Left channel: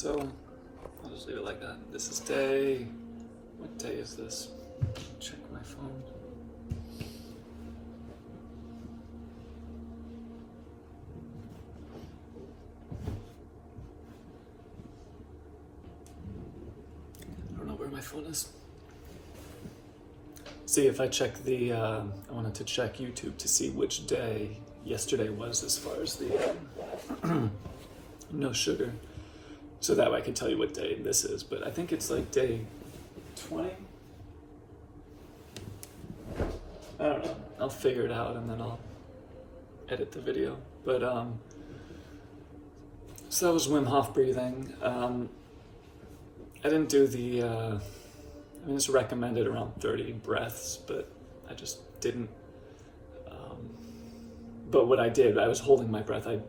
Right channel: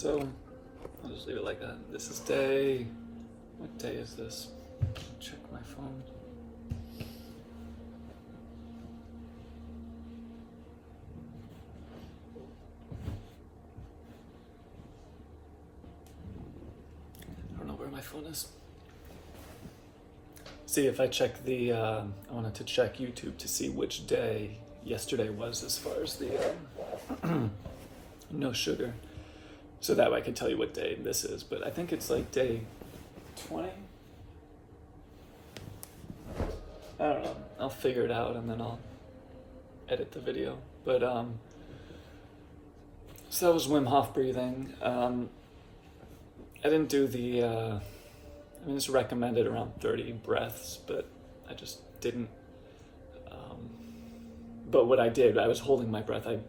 So I'll just leave it like that. This is day. What day is this? Check my phone. I don't know where my phone is. See, if I check the, I wanted to check YouTube to see which day yesterday was as far as the no sugar. So that way I could tell you what day this is, but I think it's like day 20. I don't know. I'll figure it out and then I'll edit the video. But so that was Wim Hof breathing. I didn't do the. I mean, it's recommended around 30 breaths, but I just didn't. But what I did, I was holding my breath. I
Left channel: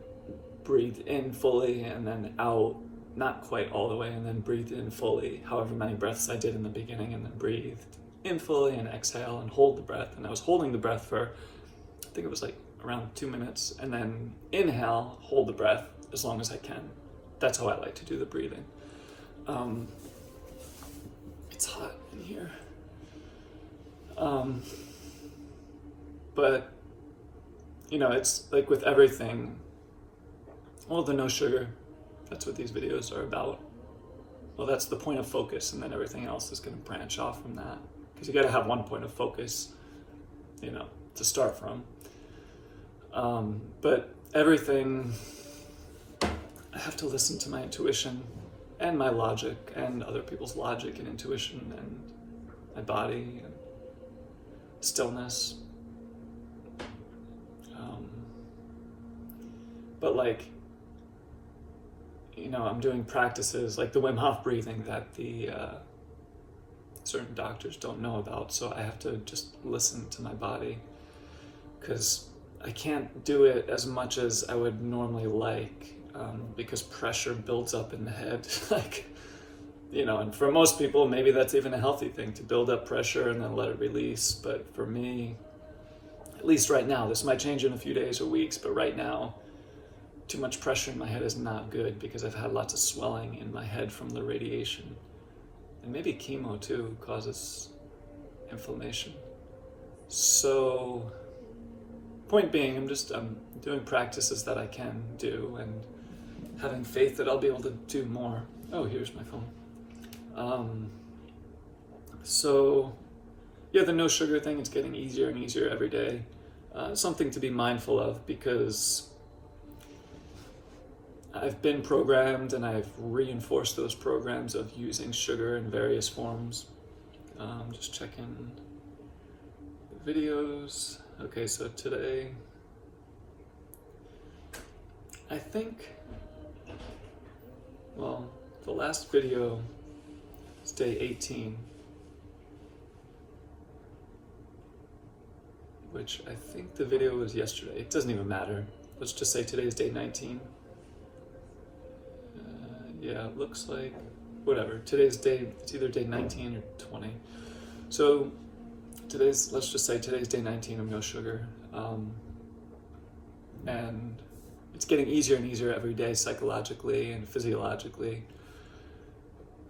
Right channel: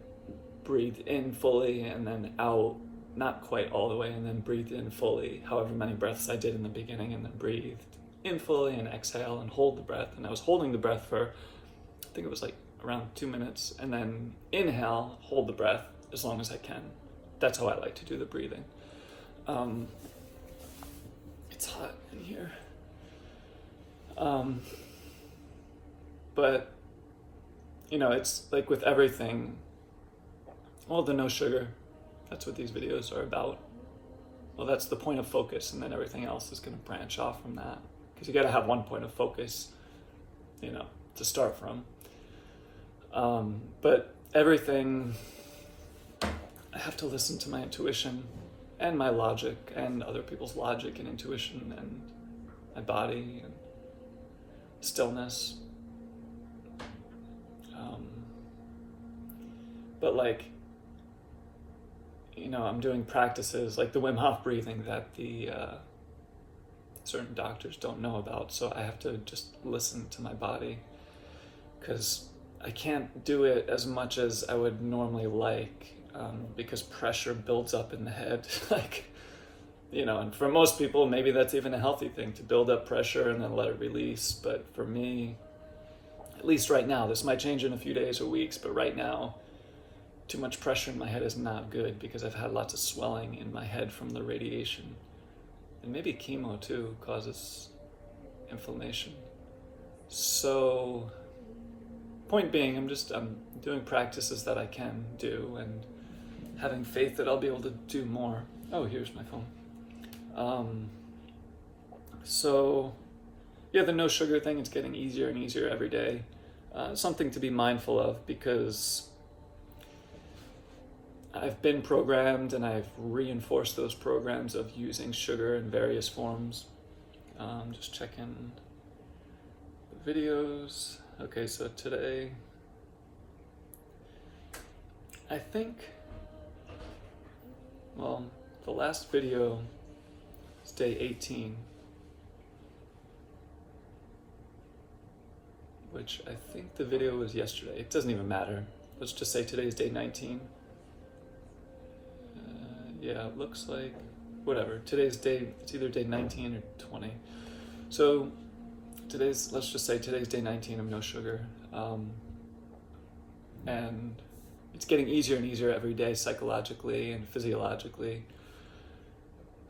breathed in fully and then out. Not quite all the way, and then breathe in fully, however many breaths I did in the beginning, and then breathe in fully and exhale and hold the breath. And I was holding the breath for, I think it was like around 2 minutes, and then inhale, hold the breath as long as I can. That's how I like to do the breathing. It's hot in here. But, you know, it's like with everything, well, the no sugar, that's what these videos are about. Well, that's the point of focus, and then everything else is going to branch off from that. Because you got to have one point of focus, you know, to start from. But everything, I have to listen to my intuition and my logic and other people's logic and intuition and my body and stillness. But like, you know, I'm doing practices like the Wim Hof breathing that the certain doctors don't know about. So I have to just listen to my body because I can't do it as much as I would normally like because pressure builds up in the head. Like, you know, and for most people, maybe that's even a healthy thing to build up pressure and then let it release. But for me, at least right now, this might change in a few days or weeks, but right now, too much pressure in my head is not good because I've had lots of swelling in my head from the radiation. And maybe chemo too causes inflammation. So, point being, I'm doing practices that I can do and having faith that I'll be able to do more. Oh, here's my phone. So, yeah, the no sugar thing, it's getting easier and easier every day. Something to be mindful of because I've been programmed and I've reinforced those programs of using sugar in various forms. Just checking the videos. Okay, so today, I think, well, the last video is day 18, which I think the video was yesterday. It doesn't even matter. Let's just say today's day 19. Yeah, it looks like, whatever. Today's day, it's either day 19 or 20. So let's just say today's day 19 of no sugar. And it's getting easier and easier every day psychologically and physiologically.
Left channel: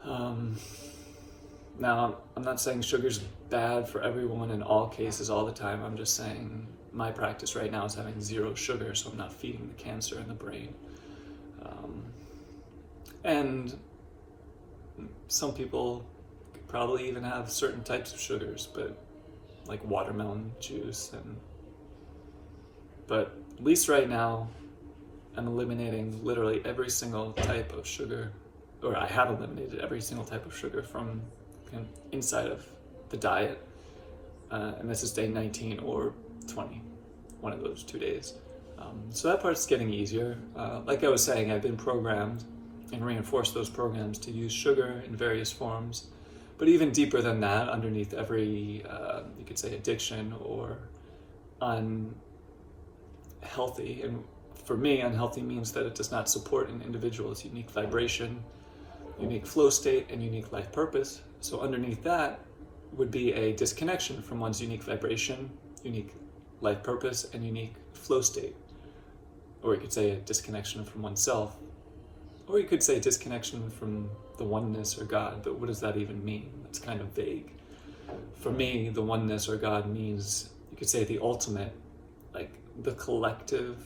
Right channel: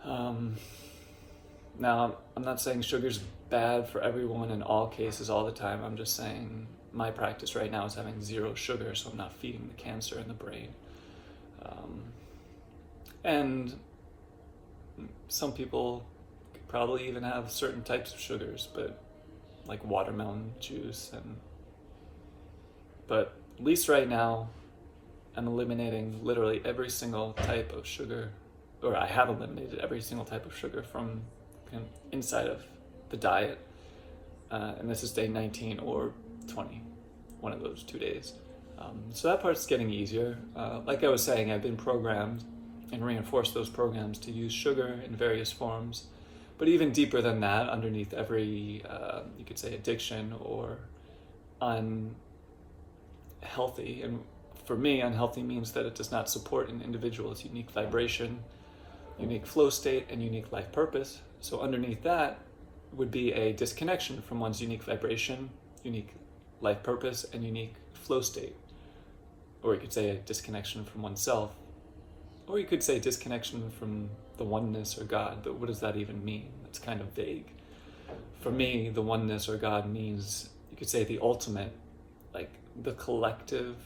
Now, I'm not saying sugar's bad for everyone in all cases all the time. I'm just saying my practice right now is having 0 sugar, so I'm not feeding the cancer in the brain. And some people could probably even have certain types of sugars, but like watermelon juice. But at least right now, I'm eliminating literally every single type of sugar, or I have eliminated every single type of sugar from inside of the diet. And this is day 19 or 20, one of those 2 days. So that part's getting easier. Like I was saying, I've been programmed and reinforce those programs to use sugar in various forms. But even deeper than that, underneath every, you could say, addiction or unhealthy, and for me, unhealthy means that it does not support an individual's unique vibration, unique flow state, and unique life purpose. So underneath that would be a disconnection from one's unique vibration, unique life purpose, and unique flow state. Or you could say a disconnection from oneself Or you could say disconnection from the oneness or God, but what does that even mean? It's kind of vague. For me, the oneness or God means, you could say, the ultimate, like the collective,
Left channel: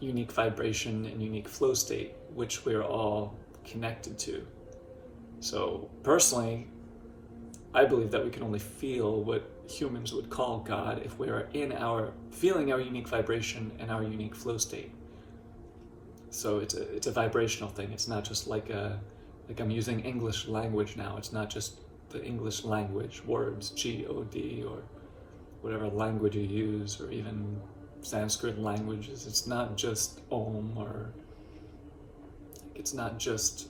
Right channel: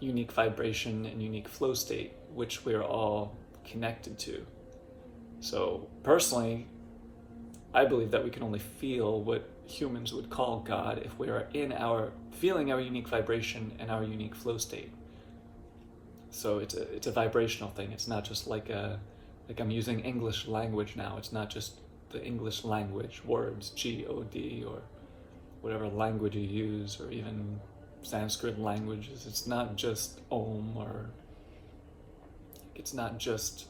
unique vibration and unique flow state, which we're all connected to. So personally, I believe that we can only feel what humans would call God if we are feeling our unique vibration and our unique flow state. So it's a vibrational thing. It's not just like I'm using English language now. It's not just the English language, words, G-O-D, or whatever language you use, or even Sanskrit languages. It's not just Om, or it's not just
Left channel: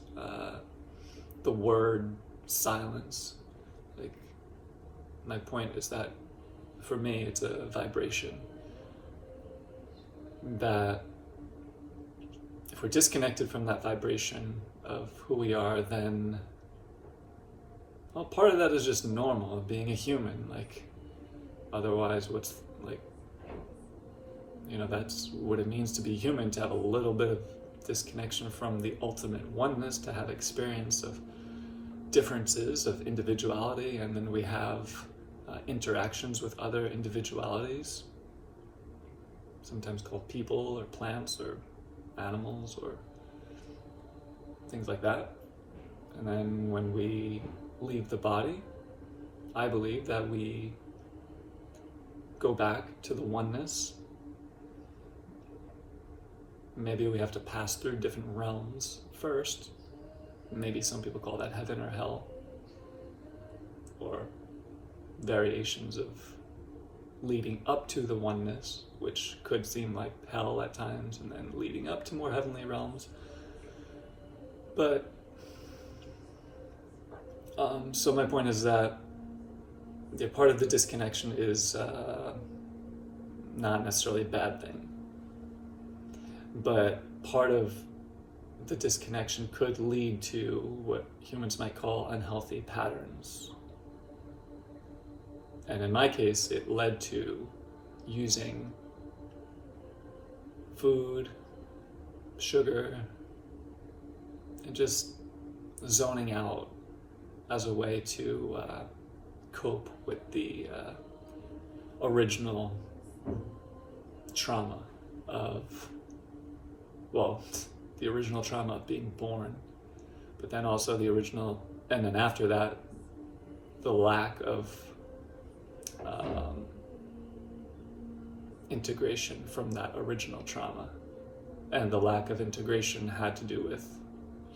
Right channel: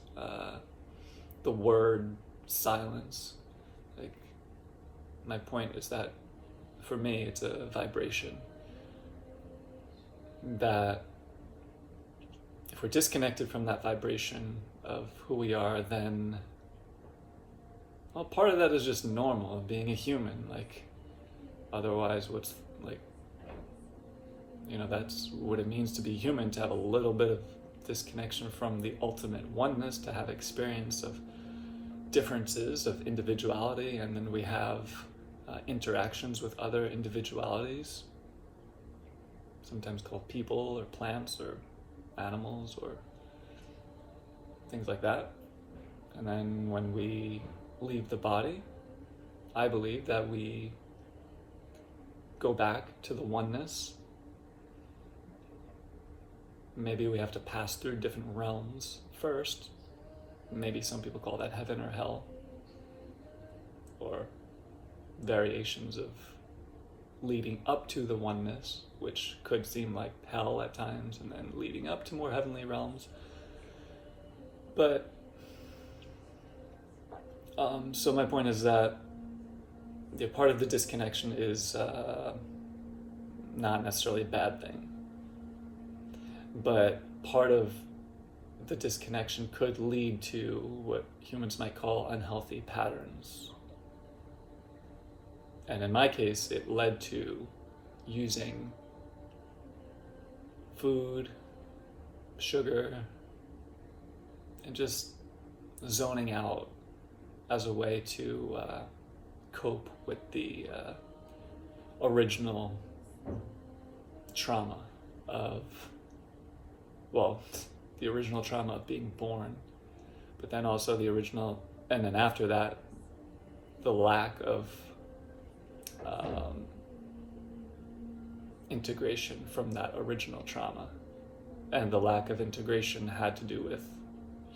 the word silence. Like, my point is that for me, it's a vibration that if we're disconnected from that vibration of who we are, then, well, part of that is just normal, being a human. Like, otherwise, what's, like, that's what it means to be human, to have a little bit of disconnection from the ultimate oneness, to have experience of differences of individuality, and then we have interactions with other individualities, sometimes called people or plants or animals or things like that. And then when we leave the body, I believe that we go back to the oneness. Maybe we have to pass through different realms first. Maybe some people call that heaven or hell, or variations of leading up to the oneness, which could seem like hell at times, and then leading up to more heavenly realms. But so my point is that part of the disconnection is not necessarily a bad thing, but part of the disconnection could lead to what humans might call unhealthy patterns. And in my case, it led to using food, sugar, and just zoning out as a way to cope with the original trauma of, the original trauma of being born, but then also and then after that, the lack of integration from that original trauma. And the lack of integration had to do with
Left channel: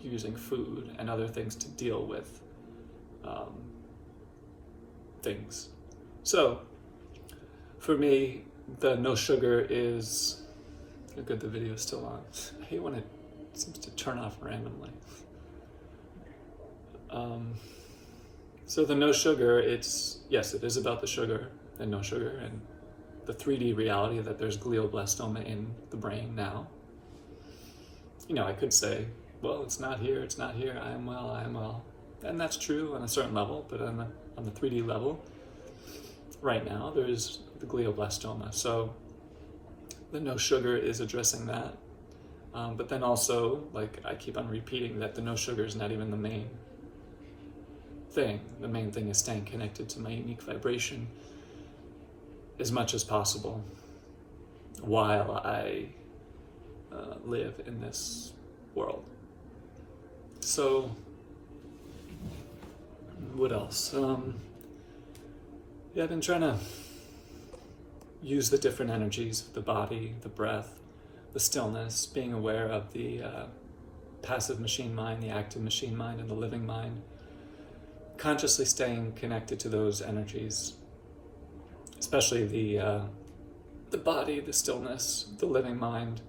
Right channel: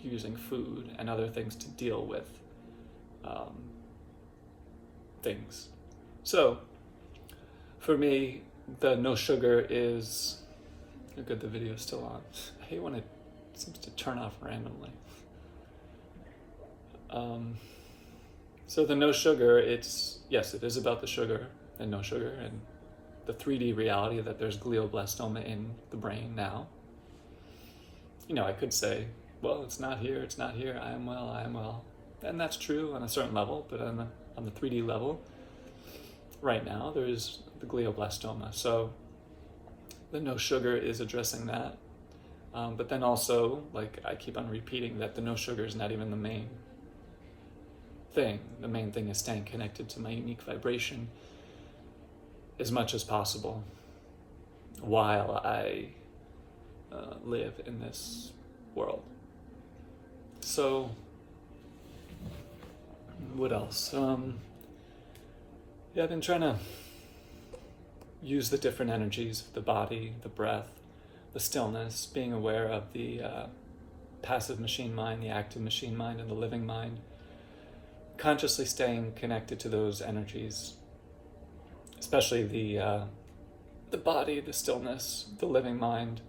using food and other things to deal with things. So, for me, the no sugar is... Oh, good, the video is still on. I hate when it seems to turn off randomly. So the no sugar, it is about the sugar and no sugar and the 3D reality that there's glioblastoma in the brain now. I could say, well, it's not here, I am well. And that's true on a certain level, but on the 3D level, right now, there's the glioblastoma. So the no sugar is addressing that. But then also, like I keep on repeating, that the no sugar is not even the main thing. The main thing is staying connected to my unique vibration as much as possible while I live in this world. So, what else? I've been trying to use the different energies of the body, the breath, the stillness, being aware of the passive machine mind, the active machine mind, and the living mind. Consciously staying connected to those energies, especially the body, the stillness, the living mind,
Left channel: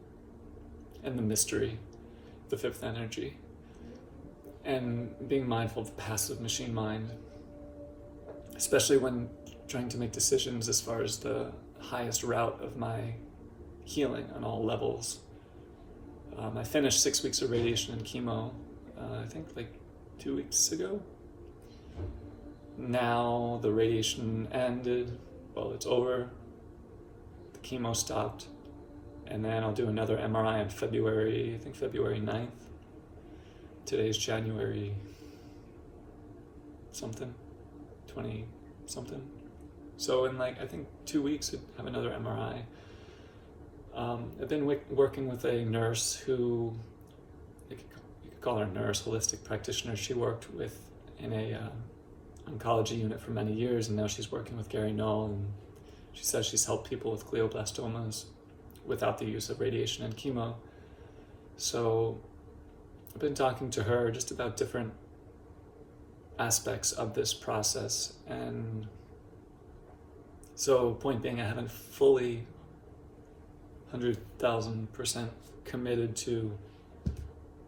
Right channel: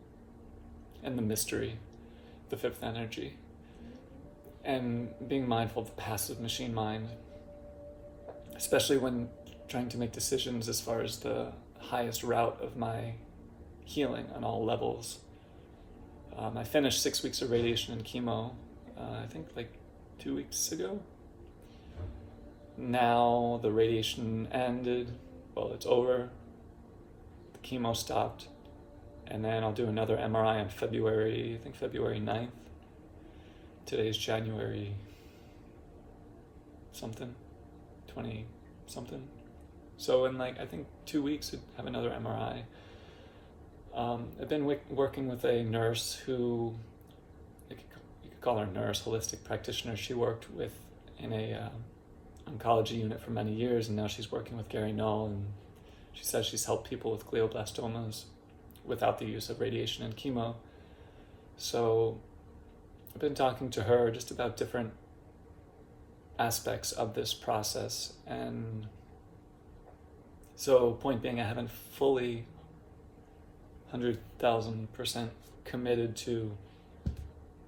and the mystery, the fifth energy. And being mindful of the passive machine mind, especially when trying to make decisions as far as the highest route of my healing on all levels. I finished 6 weeks of radiation and chemo, I think like 2 weeks ago. Now the radiation ended, it's over, the chemo stopped, and then I'll do another MRI on February 9th. today's January something, 20 something. So in like, I think 2 weeks, I'd have another MRI. I've been working with a nurse who, you could call her a nurse, holistic practitioner. She worked in a oncology unit for many years, and now she's working with Gary Null, and she says she's helped people with glioblastomas without the use of radiation and chemo. So I've been talking to her just about different aspects of this process, and so point being, I haven't fully 100,000% committed to,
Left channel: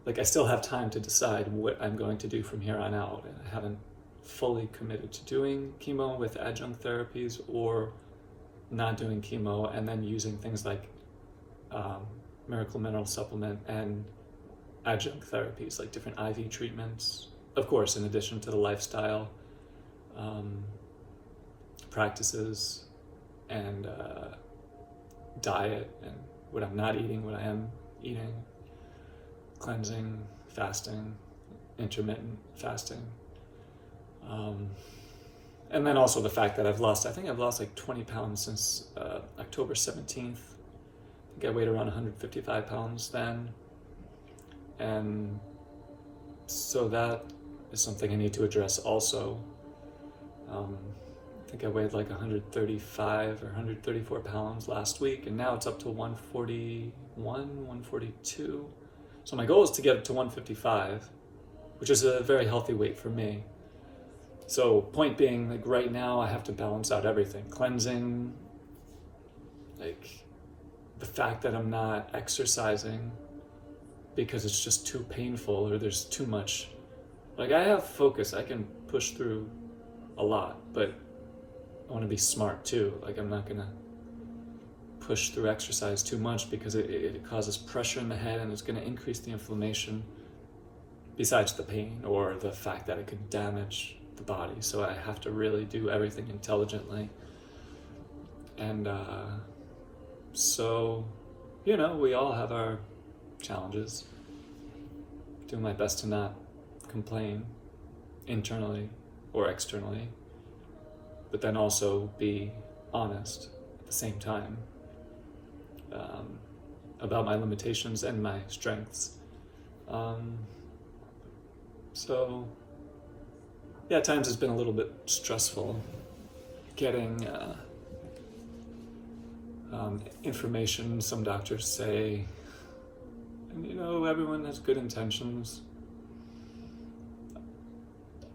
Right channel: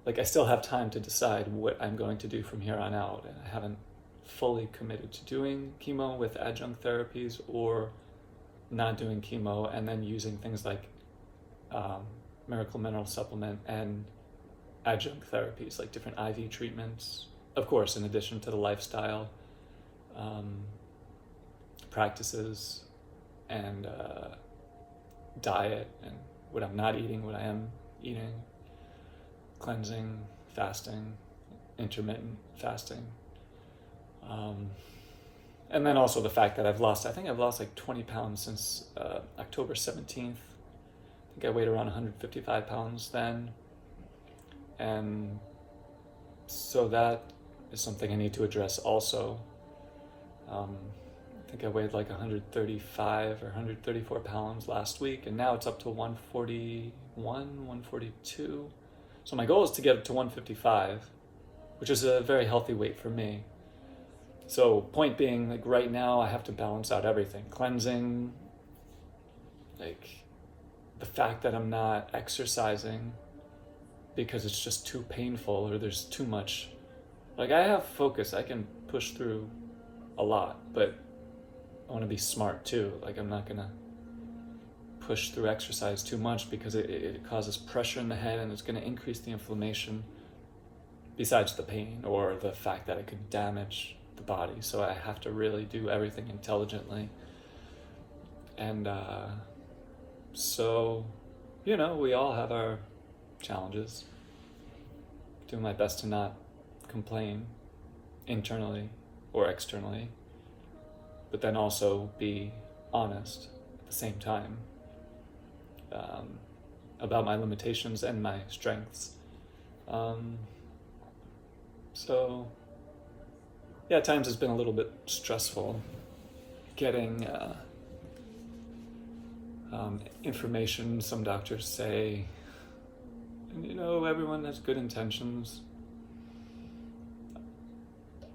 like, I still have time to decide what I'm going to do from here on out, and I haven't fully committed to doing chemo with adjunct therapies or not doing chemo and then using things like Miracle Mineral Supplement and adjunct therapies, like different IV treatments, of course, in addition to the lifestyle practices and diet and what I'm not eating, what I am eating, cleansing, fasting, intermittent fasting. And then also the fact that I've lost like 20 pounds since October 17th. I think I weighed around 155 pounds then. And so that is something I need to address also. I think I weighed like 135 or 134 pounds last week, and now it's up to 141, 142. So my goal is to get up to 155, which is a very healthy weight for me. So point being, like right now I have to balance out everything. Cleansing, like the fact that I'm not exercising because it's just too painful or there's too much. Like I have focus, I can push through a lot, but I want to be smart too. Like I'm not gonna push through exercise too much because it causes pressure in the head and it's gonna increase the inflammation besides the pain or the fact that it could damage the body. So I have to really do everything intelligently. And so, you know, we all have our challenges. Doing my best to not complain internally or externally, but then also be honest at the same time about my limitations and my strengths. So yeah, at times it's been a little bit stressful getting information. Some doctors say, you know, everyone has good intentions.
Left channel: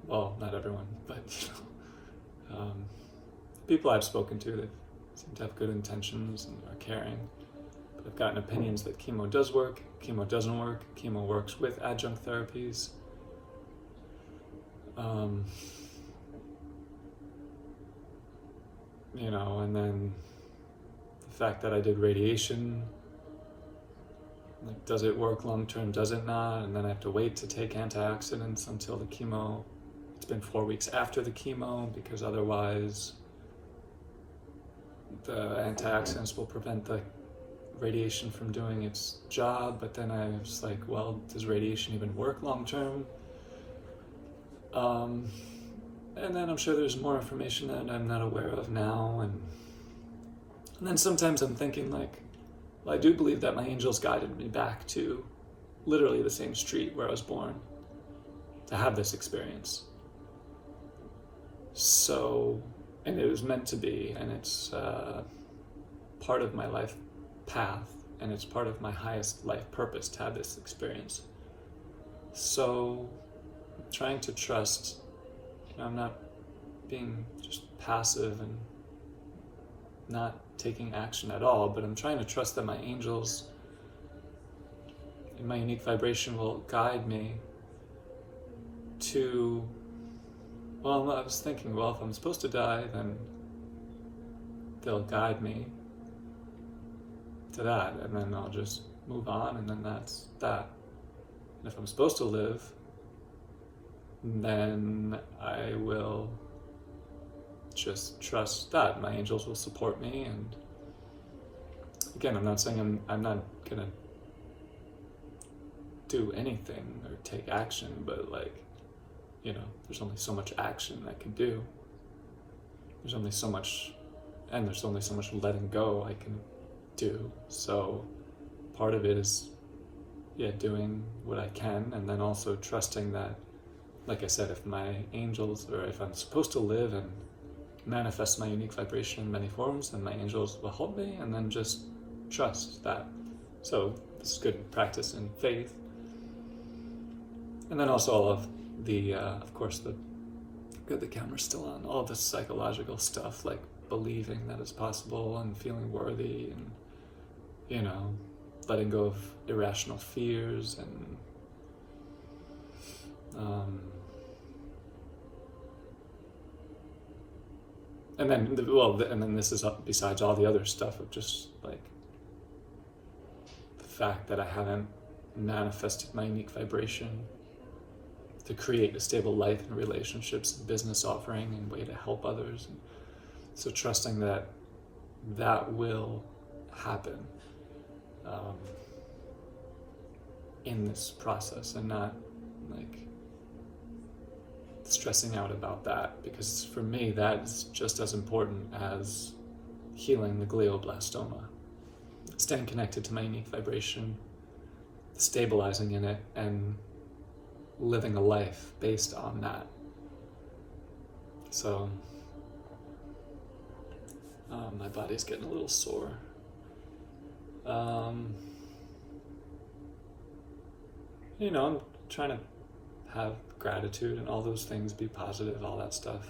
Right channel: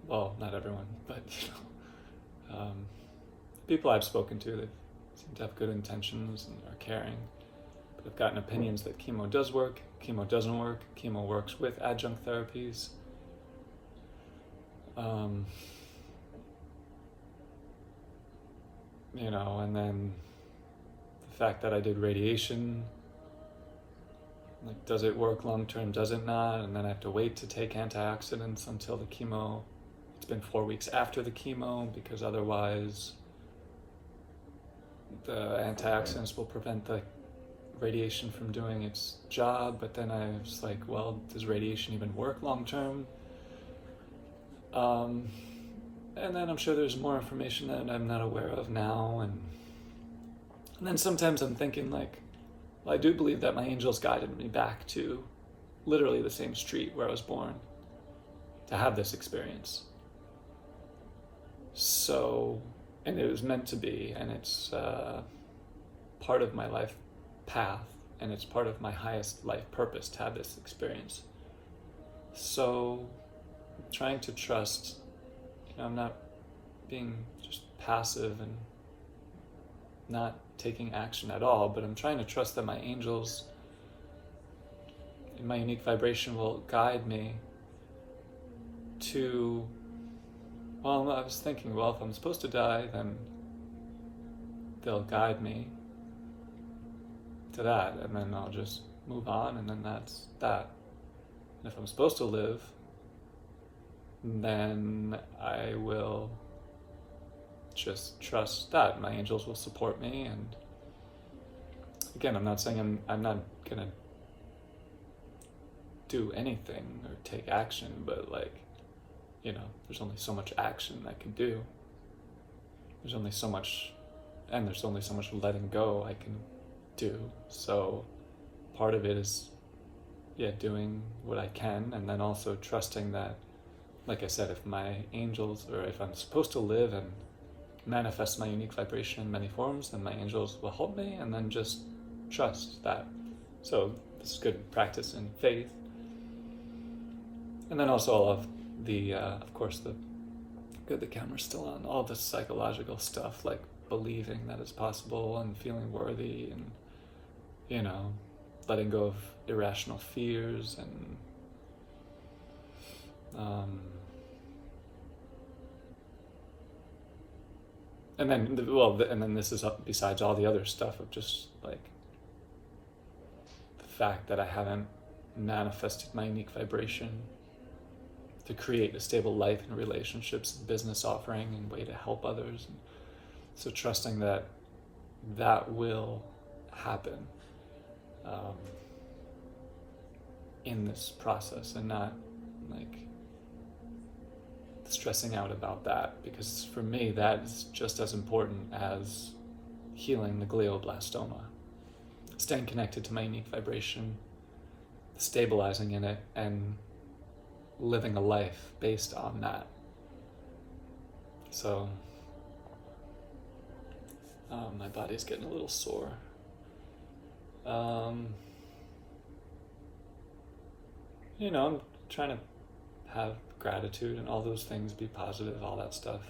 Well, not everyone, but people I've spoken to, they seem to have good intentions and are caring. But I've gotten opinions that chemo does work, chemo doesn't work, chemo works with adjunct therapies. You know, and then the fact that I did radiation, like, does it work long term, does it not? And then I have to wait to take antioxidants until the chemo. It's been 4 weeks after the chemo because otherwise the antioxidants will prevent the radiation from doing its job. But then I was like, well, does radiation even work long term? And then I'm sure there's more information that I'm not aware of now. And then sometimes I'm thinking like, well, I do believe that my angels guided me back to literally the same street where I was born to have this experience. So, and it was meant to be, and it's part of my life path, and it's part of my highest life purpose to have this experience. So, trying to trust, you know, I'm not being just passive and not taking action at all, but I'm trying to trust that my angels in my unique vibration will guide me to, well, I was thinking, well, if I'm supposed to die, then they'll guide me to that, and then I'll just move on, and then that's that. And if I'm supposed to live, then I will just trust that my angels will support me. And again, I'm not saying I'm not gonna do anything or take action, but like, there's only so much action I can do. There's only so much letting go I can do. So part of it is, doing what I can, and then also trusting that, like I said, if my angels, or if I'm supposed to live and manifest my unique vibration in many forms, then my angels will help me, and then just trust that. So this is good practice in faith. And then also all of the, of course, the camera's still on, all the psychological stuff, like believing that it's possible and feeling worthy and, letting go of irrational fears and, and then this is besides all the other stuff of just like the fact that I haven't manifested my unique vibration to create a stable life and relationships, business offering, and way to help others. And so trusting that will happen in this process, and not like stressing out about that, because for me that is just as important as healing the glioblastoma. Staying connected to my unique vibration, stabilizing in it, and living a life based on that. So my body's getting a little sore. I'm trying to have gratitude and all those things, be positive, all that stuff.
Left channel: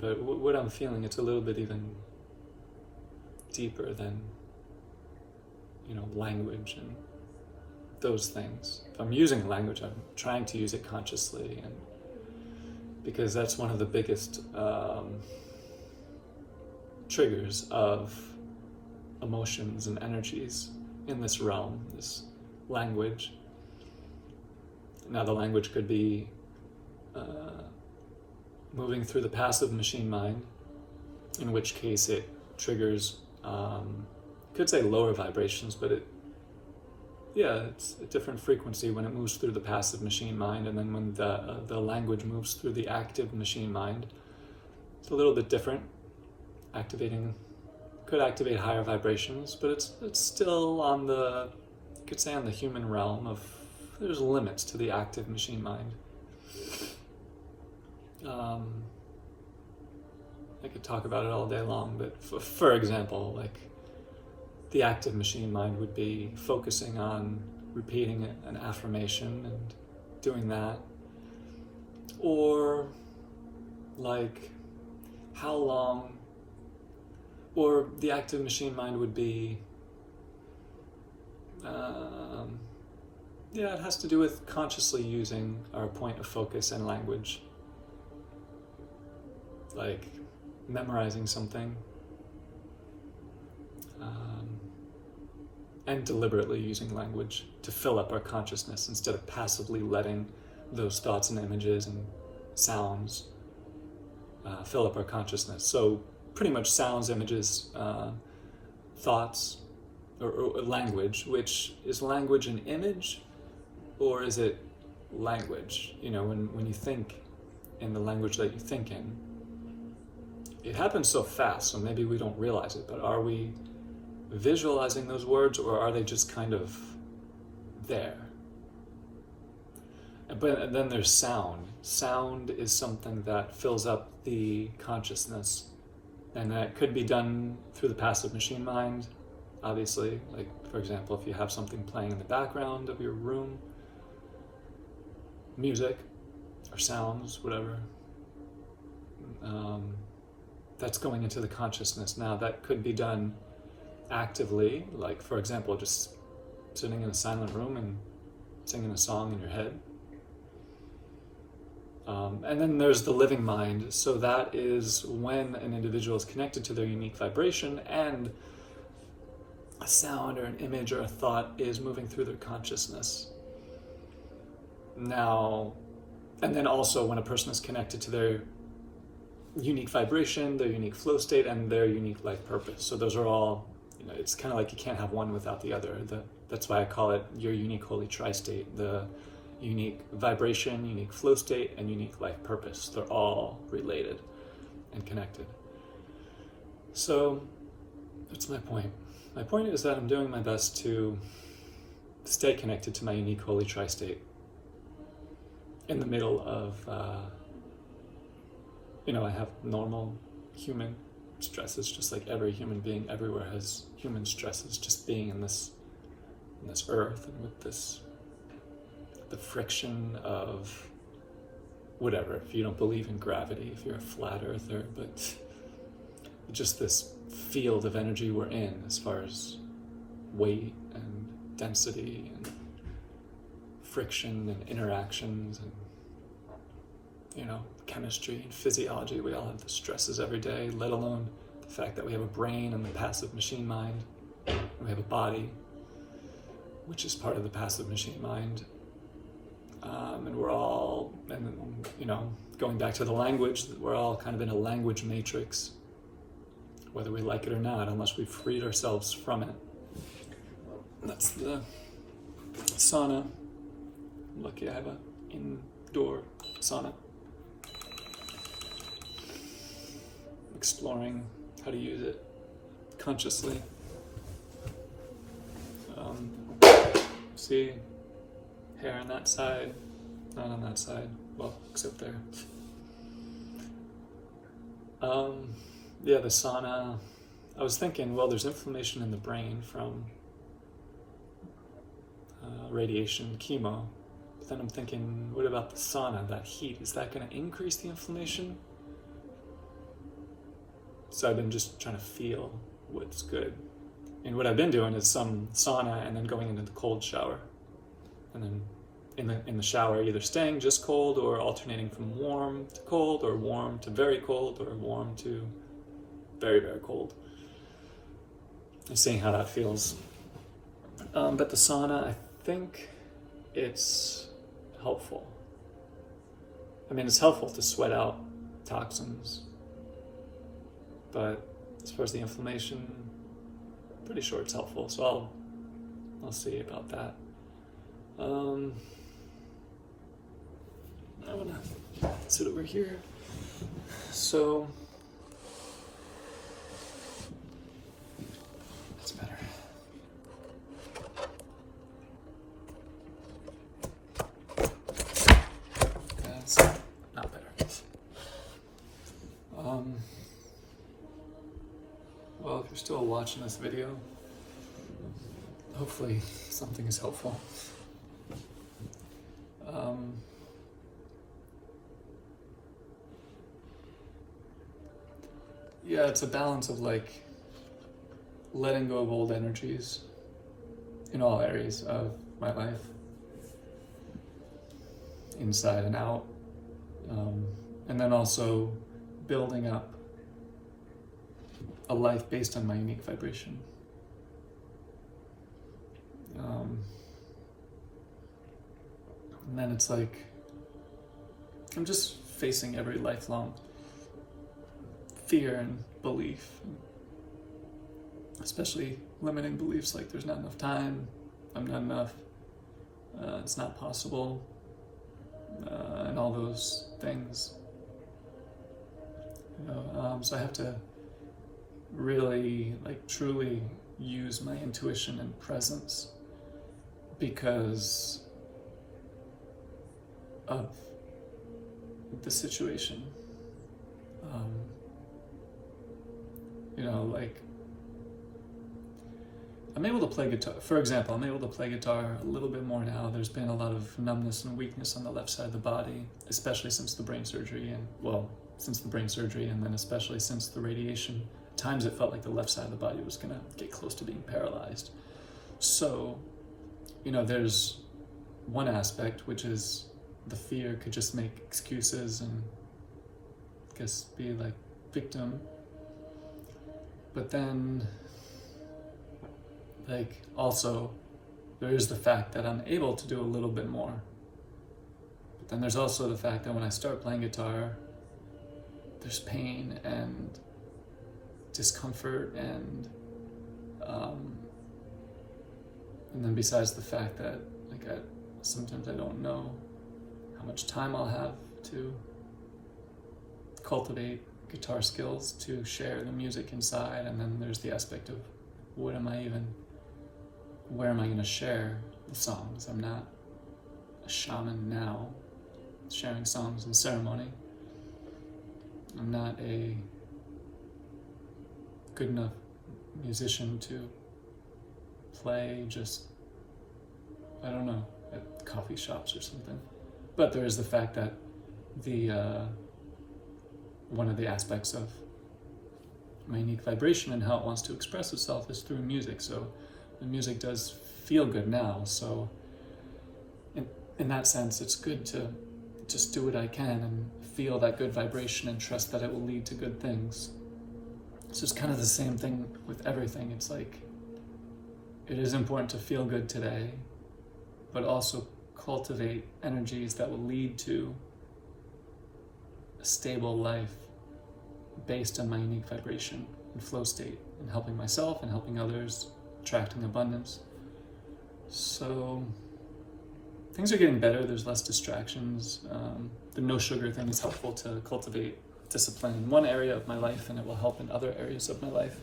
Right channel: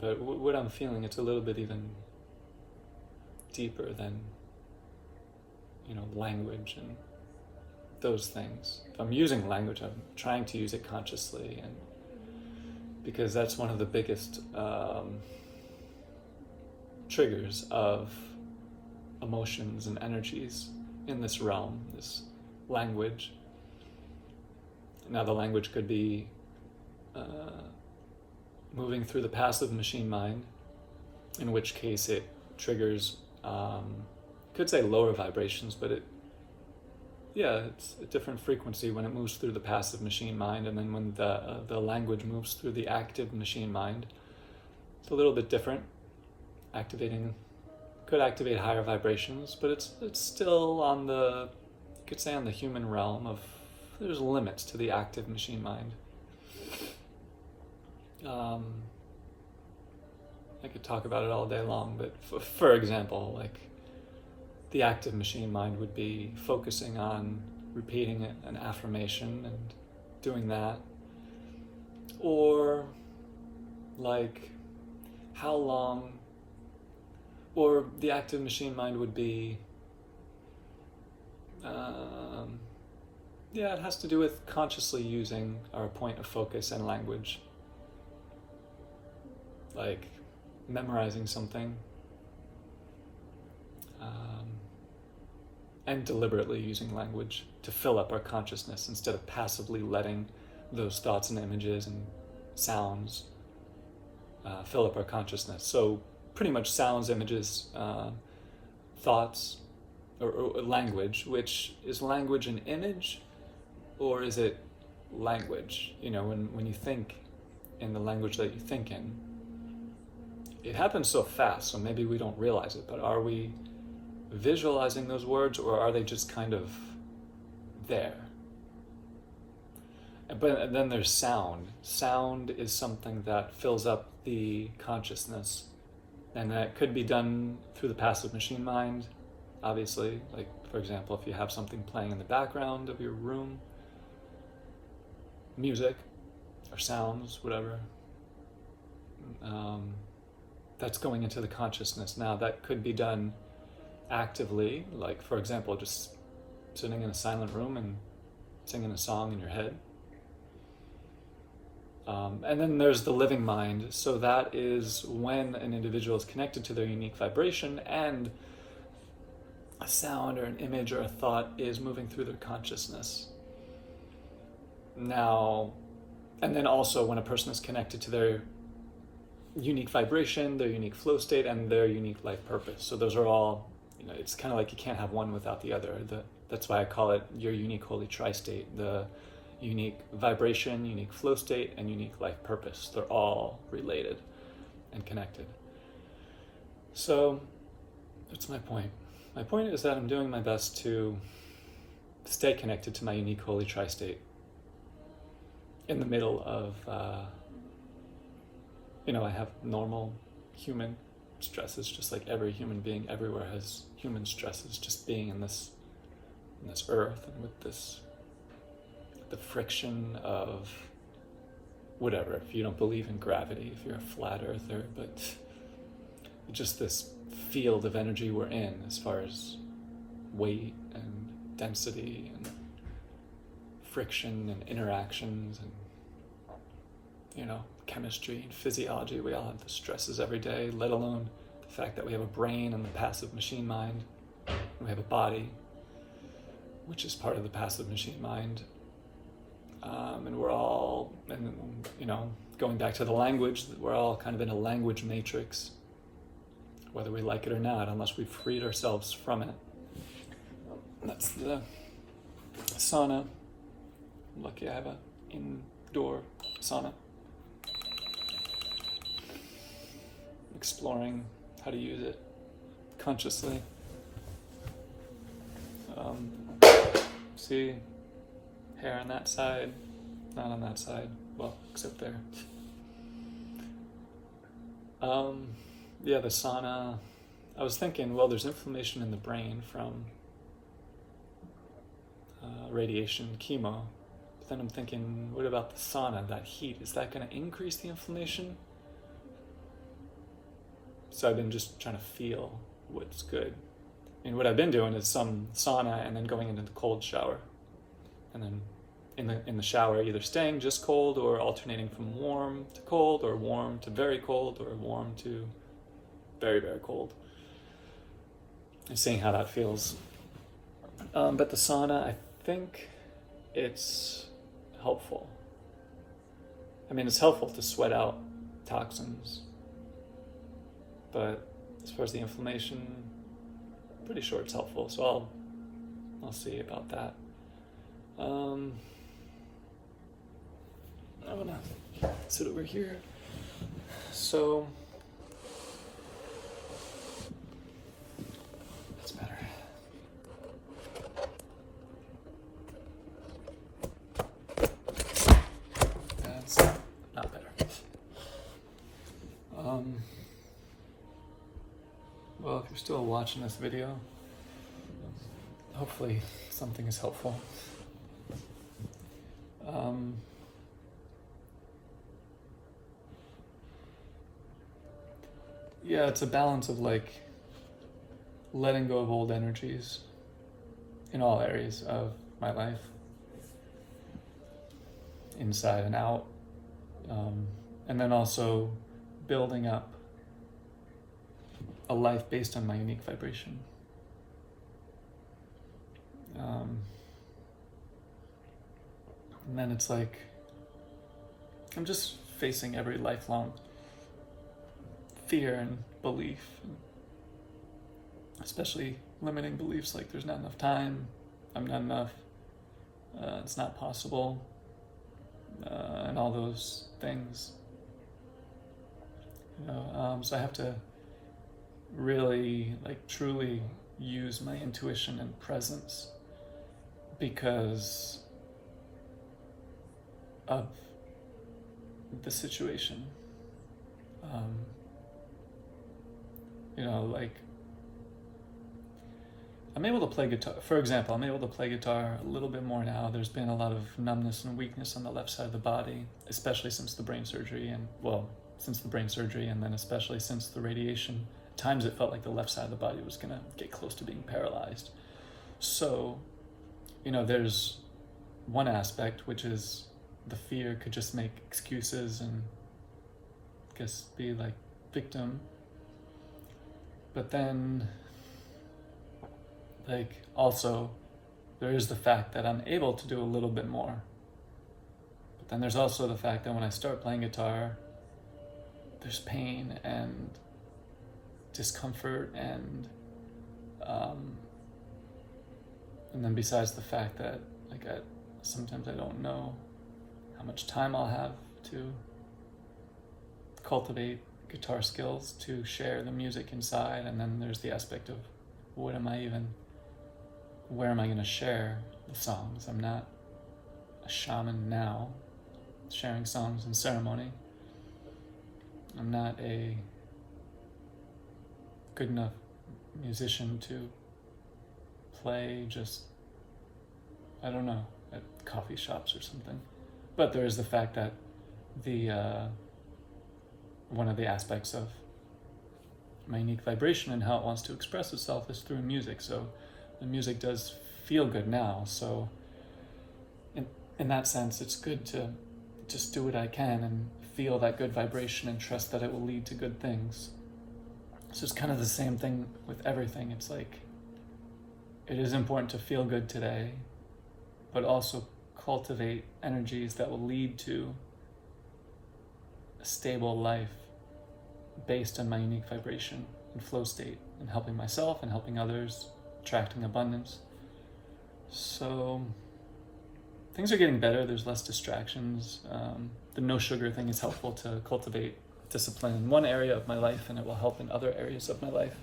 But what I'm feeling, it's a little bit even deeper than, language and those things. If I'm using language, I'm trying to use it consciously, and because that's one of the biggest triggers of emotions and energies in this realm, this language. Now the language could be moving through the passive machine mind, in which case it triggers, could say lower vibrations, but it's a different frequency when it moves through the passive machine mind, and then when the language moves through the active machine mind, it's a little bit different. Could activate higher vibrations, but it's still on the, you could say, on the human realm of, there's limits to the active machine mind. I could talk about it all day long, but for example, like the active machine mind would be focusing on repeating an affirmation and doing that, or like how long, or the active machine mind would be, it has to do with consciously using our point of focus and language, like memorizing something, and deliberately using language to fill up our consciousness instead of passively letting those thoughts and images and sounds fill up our consciousness. So pretty much sounds, images, thoughts, or language, which is language an image, or is it language? When you think in the language that you think in, it happens so fast, so maybe we don't realize it, but are we visualizing those words, or are they just kind of there? But then there's sound. Sound is something that fills up the consciousness, and that could be done through the passive machine mind, obviously. Like, for example, if you have something playing in the background of your room, music or sounds, whatever, that's going into the consciousness. Now, that could be done actively, like, for example, just sitting in a silent room and singing a song in your head. And then there's the living mind. So that is when an individual is connected to their unique vibration and a sound or an image or a thought is moving through their consciousness. Now, and then also when a person is connected to their unique vibration, their unique flow state, and their unique life purpose. So those are all it's kind of like you can't have one without the other. That's why I call it your unique holy tri-state. The unique vibration, unique flow state, and unique life purpose. They're all related and connected. So, what's my point? My point is that I'm doing my best to stay connected to my unique holy tri-state in the middle of, I have normal human stresses, just like every human being everywhere has human stresses, just being in this earth and with the friction of whatever. If you don't believe in gravity, if you're a flat earther, but just this field of energy we're in as far as weight and density and friction and interactions and chemistry and physiology. We all have the stresses every day, let alone the fact that we have a brain and the passive machine mind. We have a body, which is part of the passive machine mind. And we're all, going back to the language, we're all kind of in a language matrix, whether we like it or not, unless we've freed ourselves from it. That's the sauna. I'm lucky I have an indoor sauna. Exploring how to use it consciously. See, hair on that side, not on that side, well, except there. The sauna, I was thinking, well, there's inflammation in the brain from radiation, chemo, but then I'm thinking, what about the sauna, that heat, is that going to increase the inflammation? So I've been just trying to feel what's good. And what I've been doing is some sauna and then going into the cold shower. And then in the shower, either staying just cold or alternating from warm to cold or warm to very cold or warm to very, very cold. And seeing how that feels. But the sauna, I think it's helpful. I mean, it's helpful to sweat out toxins. But as far as the inflammation, pretty sure it's helpful. So I'll see about that. I'm gonna sit over here. So what's the matter? That's not better. Well, if you're still watching this video, hopefully something is helpful. It's a balance of letting go of old energies in all areas of my life, inside and out, and then also building up a life based on my unique vibration. And then it's like I'm just facing every lifelong fear and belief, and especially limiting beliefs like there's not enough time, I'm not enough, it's not possible, and all those things. So I have to really, truly use my intuition and presence because of the situation. I'm able to play guitar. For example, I'm able to play guitar a little bit more now. There's been a lot of numbness and weakness on the left side of the body, especially since the brain surgery, and then especially since the radiation. At times it felt like the left side of the body was gonna get close to being paralyzed. So, there's one aspect, which is the fear could just make excuses and I guess be victim. But then, also, there is the fact that I'm able to do a little bit more. But then there's also the fact that when I start playing guitar, there's pain and discomfort and And then besides the fact that sometimes I don't know how much time I'll have to cultivate guitar skills to share the music inside, and then there's the aspect of where am I going to share the songs? I'm not a shaman now, sharing songs in ceremony. I'm not a good enough musician to play just, I don't know, at coffee shops or something. But there is the fact that one of the aspects of my unique vibration and how it wants to express itself is through music. So the music does feel good now. So in that sense, it's good to just do what I can and feel that good vibration and trust that it will lead to good things. So it's kind of the same thing with everything. It's like, it is important to feel good today, but also cultivate energies that will lead to a stable life based on my unique vibration and flow state, and helping myself and helping others, attracting abundance. So things are getting better. There's less distractions. The no sugar thing is helpful to cultivate discipline in one area of my life, and it will help in other areas of my life.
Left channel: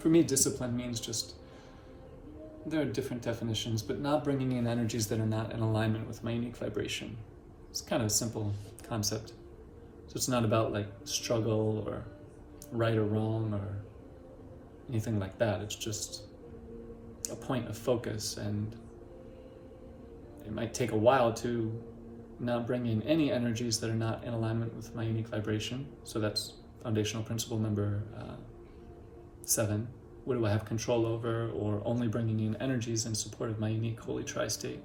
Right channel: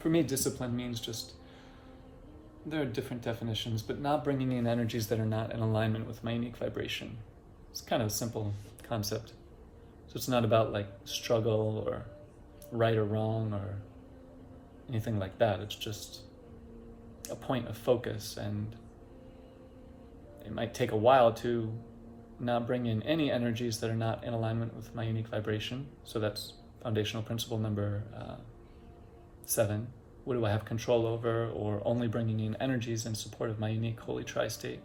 For me, discipline means just, there are different definitions, but not bringing in energies that are not in alignment with my unique vibration. It's kind of a simple concept. So it's not about like struggle or right or wrong or anything like that. It's just a point of focus, and it might take a while to not bring in any energies that are not in alignment with my unique vibration. So that's foundational principle number 7. What do I have control over, or only bringing in energies in support of my unique holy tri-state?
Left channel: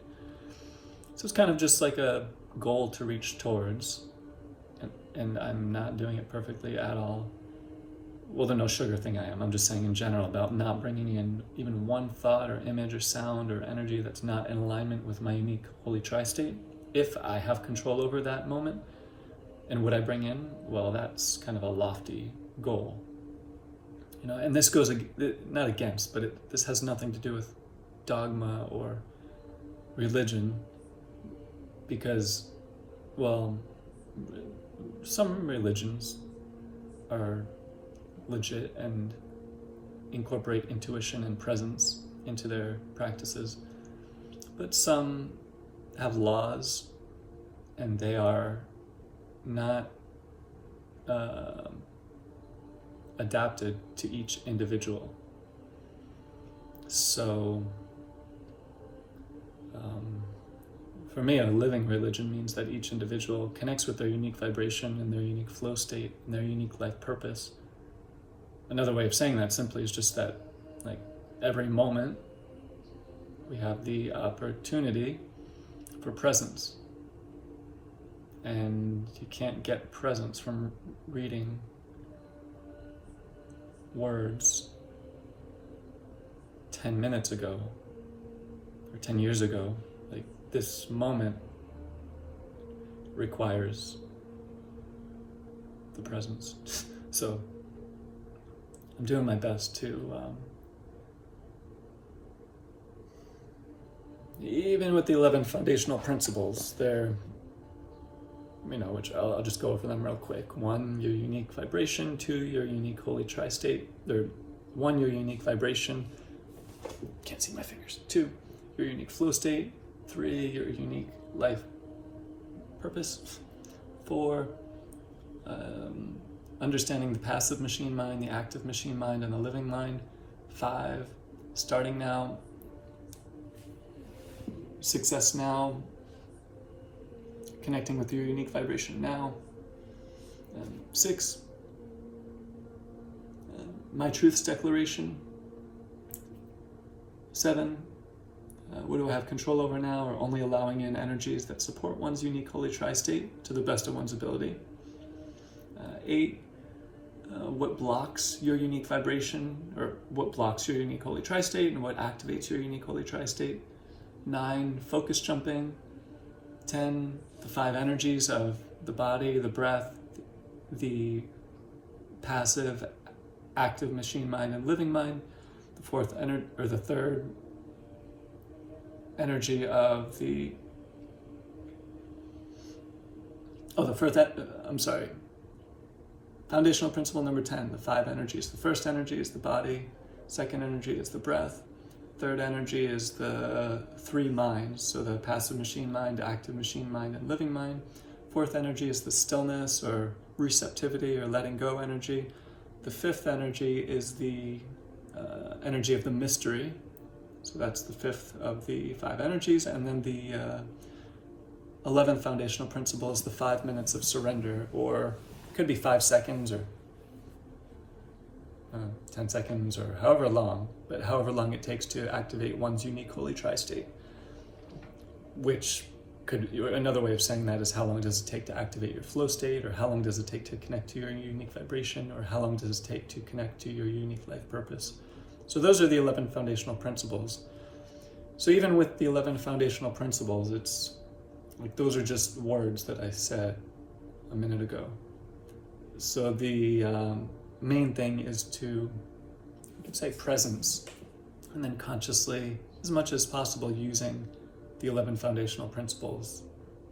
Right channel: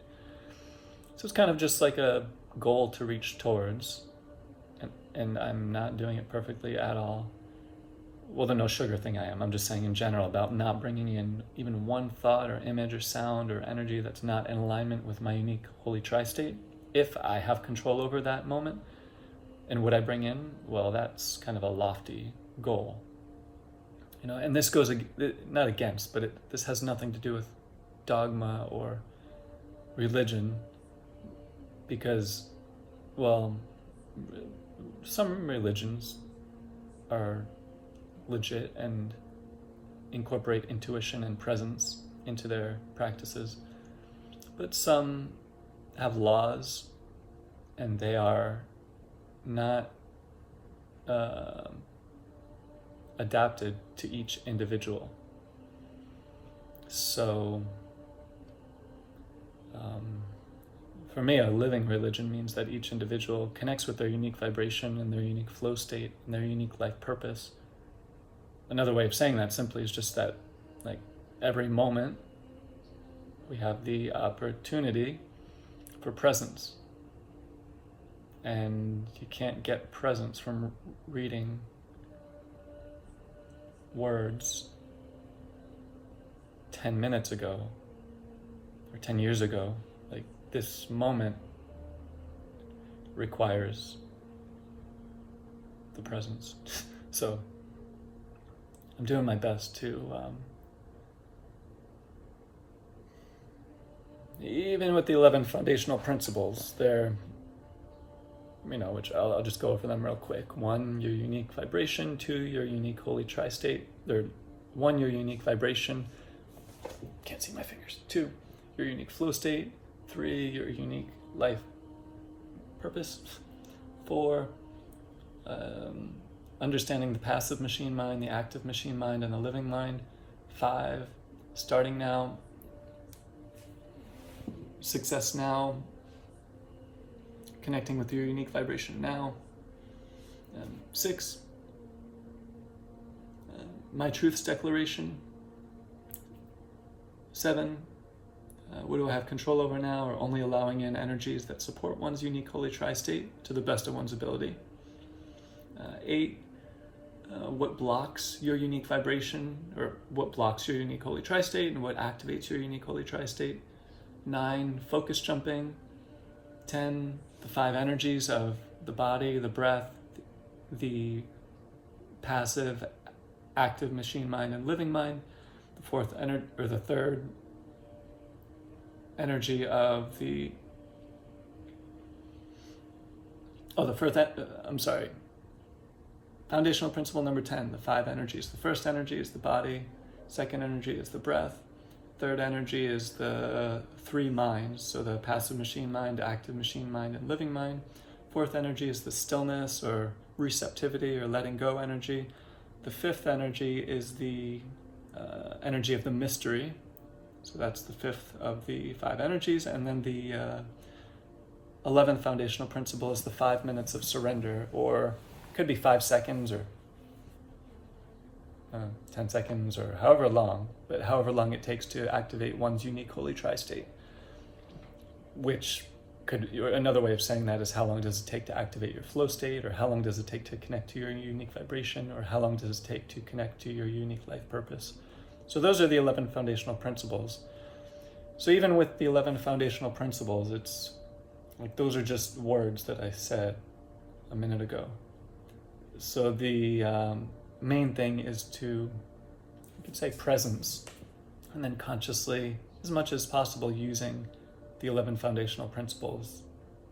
So it's kind of just like a goal to reach towards, and I'm not doing it perfectly at all. Well, the no sugar thing I am. I'm just saying in general about not bringing in even one thought or image or sound or energy that's not in alignment with my unique holy tri-state. If I have control over that moment, and what I bring in, well, that's kind of a lofty goal. You know, and this goes not against, but this has nothing to do with dogma or religion, because, well, some religions are legit and incorporate intuition and presence into their practices, but some have laws, and they are not adapted to each individual. So for me, a living religion means that each individual connects with their unique vibration and their unique flow state and their unique life purpose. Another way of saying that simply is just that, like, every moment we have the opportunity for presence, and you can't get presence from reading words 10 minutes ago or 10 years ago. Like, this moment requires the presence. So I'm doing my best to even with the 11 foundational principles, they're, you know, which I'll just go over them real quick. 1, your unique vibration. 2, your unique holy tri-state. 1, your unique vibration. Can't see my fingers. 2, your unique flow state. 3, your unique life purpose. 4, understanding the passive machine mind, the active machine mind, and the living mind. 5, starting now. Success now. Connecting with your unique vibration now. 6, my truth's declaration. 7, what do I have control over now, or only allowing in energies that support one's unique holy tri-state to the best of one's ability. 8, what blocks your unique vibration, or what blocks your unique holy tri-state, and what activates your unique holy tri-state. 9, focus jumping. 10, the 5 energies of the body, the breath, the passive, active machine mind and living mind. The 4th, the 3rd energy of the foundational principle number 10, the 5 energies. The first energy is the body, second energy is the breath, third energy is the 3 minds, so the passive machine mind, active machine mind, and living mind. Fourth energy is the stillness or receptivity or letting go energy. The fifth energy is the energy of the mystery, so that's the fifth of the 5 energies. And then the 11th foundational principle is the 5 minutes of surrender, or it could be 5 seconds or 10 seconds or however long, but however long it takes to activate one's unique holy tri-state, which could, another way of saying that is how long does it take to activate your flow state, or how long does it take to connect to your unique vibration, or how long does it take to connect to your unique life purpose. So those are the 11 foundational principles. So even with the 11 foundational principles, it's like those are just words that I said a minute ago. So the main thing is to, you could say, presence, and then consciously, as much as possible, using the 11 foundational principles.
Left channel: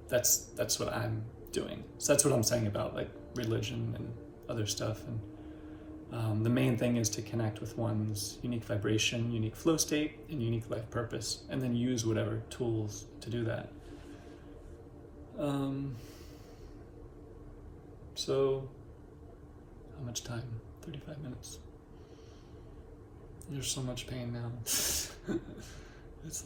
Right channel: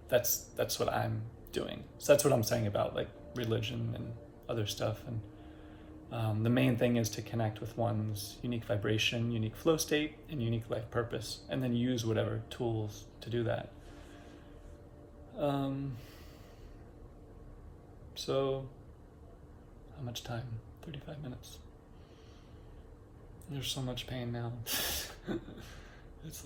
That's what I'm doing. So that's what I'm saying about like religion and other stuff. And the main thing is to connect with one's unique vibration, unique flow state, and unique life purpose, and then use whatever tools to do that. So, how much time? 35 minutes. There's so much pain now. It's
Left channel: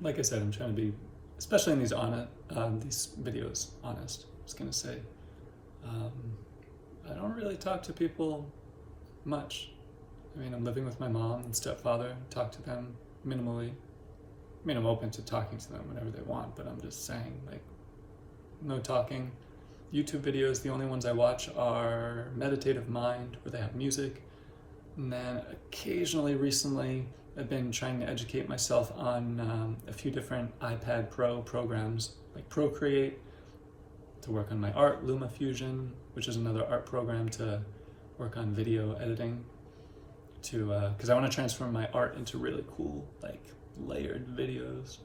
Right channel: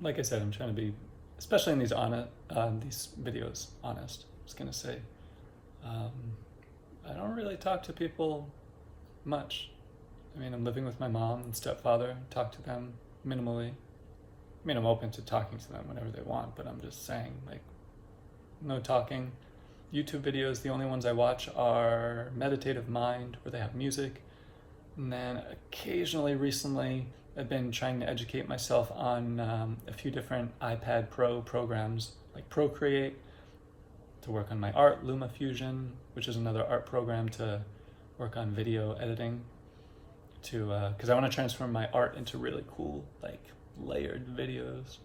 like I said, I'm trying to be, especially in these videos, honest. I was gonna say, I don't really talk to people much. I mean, I'm living with my mom and stepfather, talk to them minimally. I mean, I'm open to talking to them whenever they want, but I'm just saying, like, no talking. YouTube videos, the only ones I watch are Meditative Mind, where they have music. And then occasionally, recently, I've been trying to educate myself on a few different iPad Pro programs, like Procreate, to work on my art, LumaFusion, which is another art program to work on video editing, because I want to transform my art into really cool, like, layered videos.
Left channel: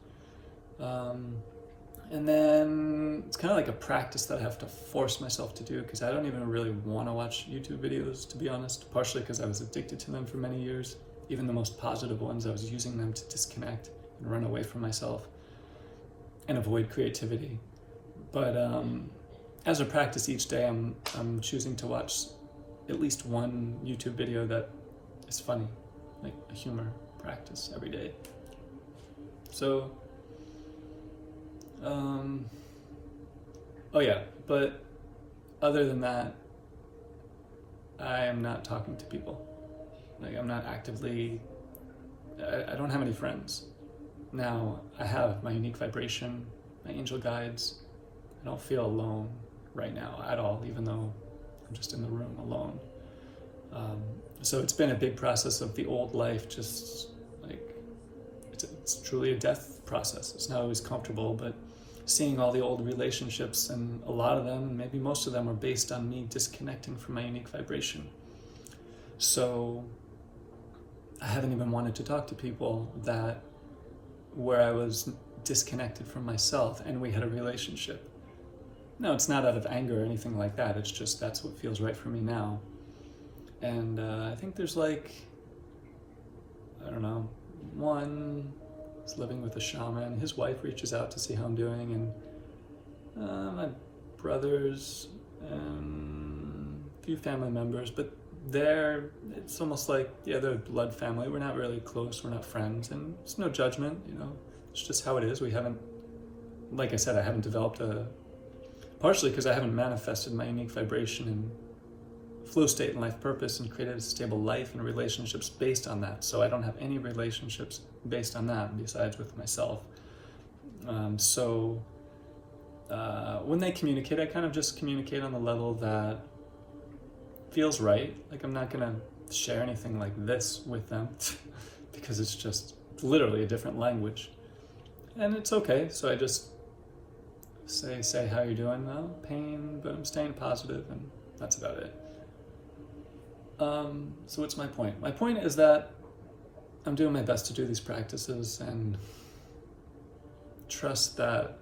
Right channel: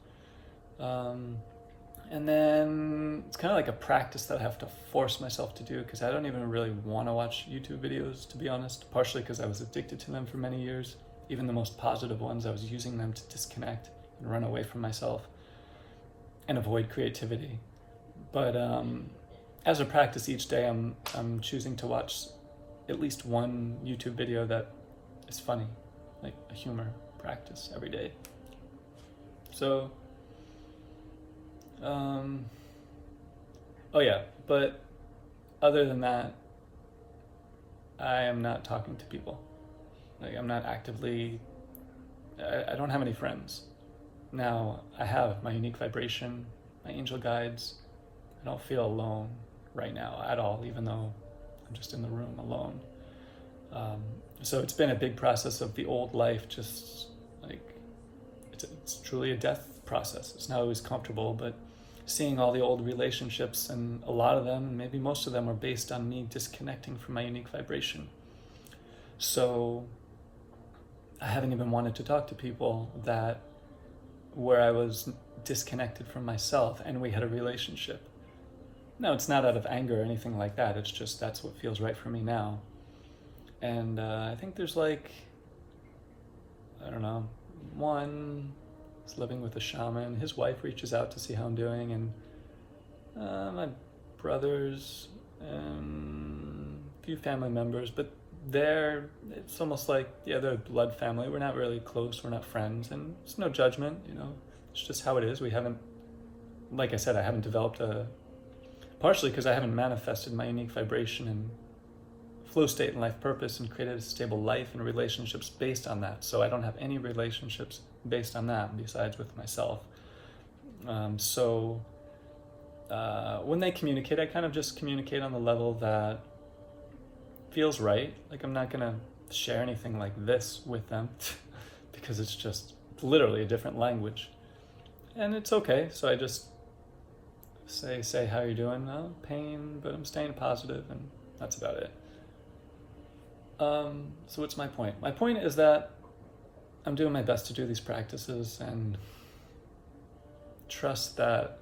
And then it's kind of like a practice that I have to force myself to do, because I don't even really want to watch YouTube videos, to be honest, partially because I was addicted to them for many years. Even the most positive ones, I was using them to disconnect and run away from myself and avoid creativity. But as a practice each day, I'm choosing to watch at least one YouTube video that is funny, like a humor practice every day. So, oh yeah, but other than that, I am not talking to people. Like, I'm not actively, I don't have any friends. Now, I have my unique vibration, my angel guides. I don't feel alone right now at all, even though I'm just in the room alone. So it's been a big process of the old life, just like, it's truly a death process. It's not always comfortable, but seeing all the old relationships, and a lot of them, maybe most of them, are based on me disconnecting from my unique vibration. So I haven't even wanted to talk to people where I was disconnected from myself and we had a relationship. No, it's not out of anger or anything like that. It's just that's what feels right for me now. And I think there's like, I don't know, one is living with a shaman. His wife reaches out to see how I'm doing, and my brothers and a few family members, but it's almost like, yeah, they're blood family. We're not really close, we're not friends, and it's no judgment, it's just how it is. We haven't, like I said, I haven't developed partially because I haven't manifested my unique vibration and flow state and life purpose and created a stable life and relationships based on that. So I don't have any relationships based on that besides with myself. So when they communicate, I kind of just communicate on the level that feels right. Like, I'm not gonna share anything like this with them because it's just literally a different language, and it's okay. So I just say how you're doing. Pain, but I'm staying positive, and that's about it. So what's my point? My point is that I'm doing my best to do these practices and trust that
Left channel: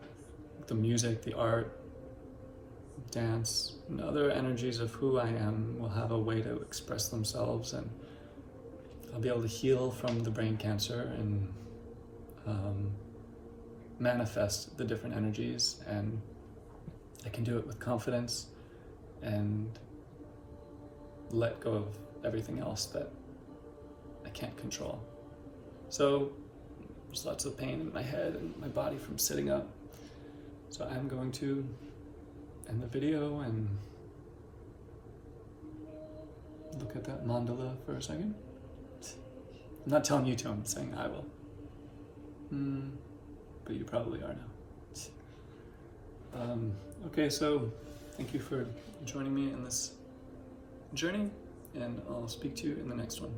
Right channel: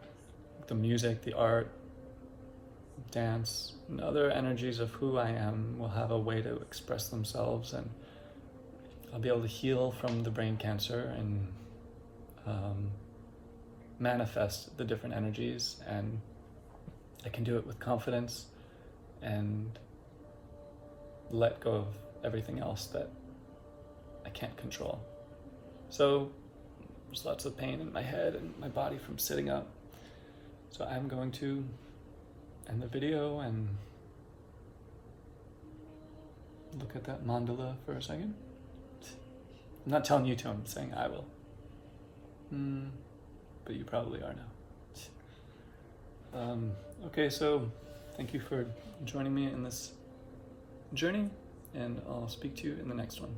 the music, the art, dance, and other energies of who I am will have a way to express themselves, and I'll be able to heal from the brain cancer and manifest the different energies, and I can do it with confidence and let go of everything else that I can't control. So there's lots of pain in my head and my body from sitting up. So I'm going to end the video and look at that mandala for a second. I'm not telling you to, I'm saying I will. But you probably are now. Okay, so thank you for joining me in this journey, and I'll speak to you in the next one.